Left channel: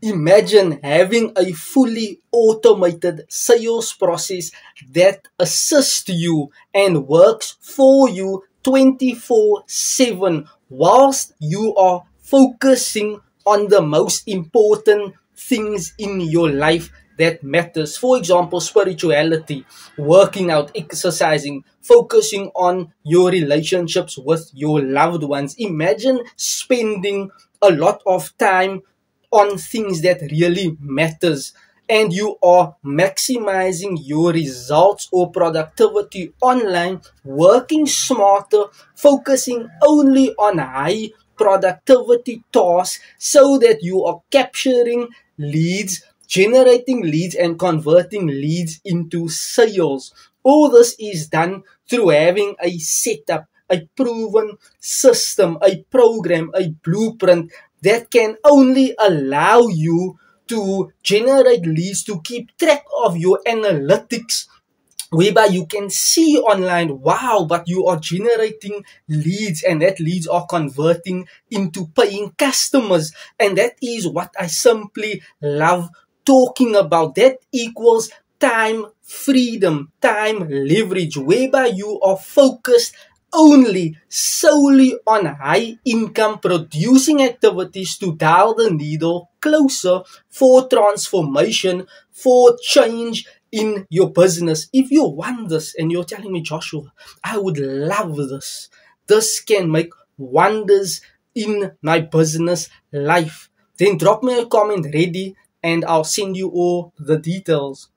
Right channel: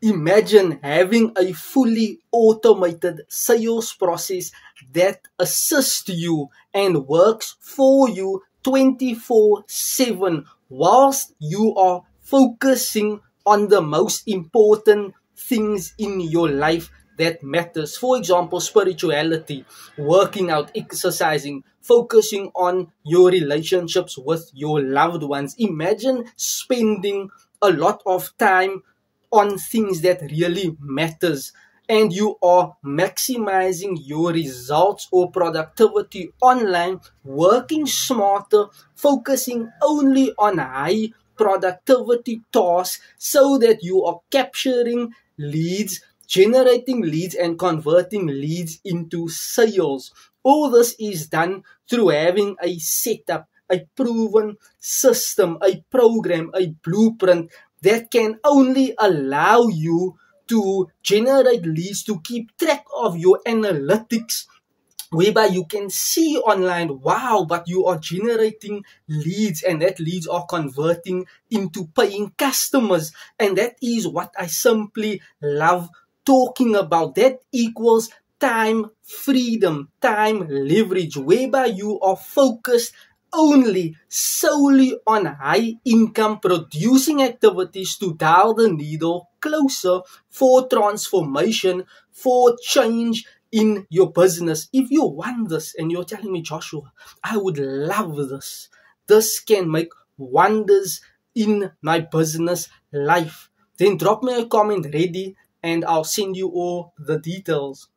Imagine having a fully automated sales process that assists you and works for you 24/7 whilst you are focusing on the most important things in your life that matters. For example, spirituality, working out, exercising, focusing on your relationships with your loved ones. Imagine spending a lot of time on things that really matters, and you are maximizing your results or productivity online, working smarter, focusing only on high productivity tasks so that you are capturing leads, generating leads, and converting leads into sales. All this is done through having a setup, a proven system, a program, a blueprint that can only allow you to generate leads, to keep track of your analytics, whereby you can see online, wow, but you are generating leads and that leads are converting into paying customers. And that is what I simply love talking about. That equals time freedom, time leverage, whereby you are focused only solely on high income producing activities to dial the needle closer for transformation, for change in your business. If you want this and you're telling me, Joshua, I would love this, this can make wonders in my business life, then drop me a comment ready and I'll send you all the details.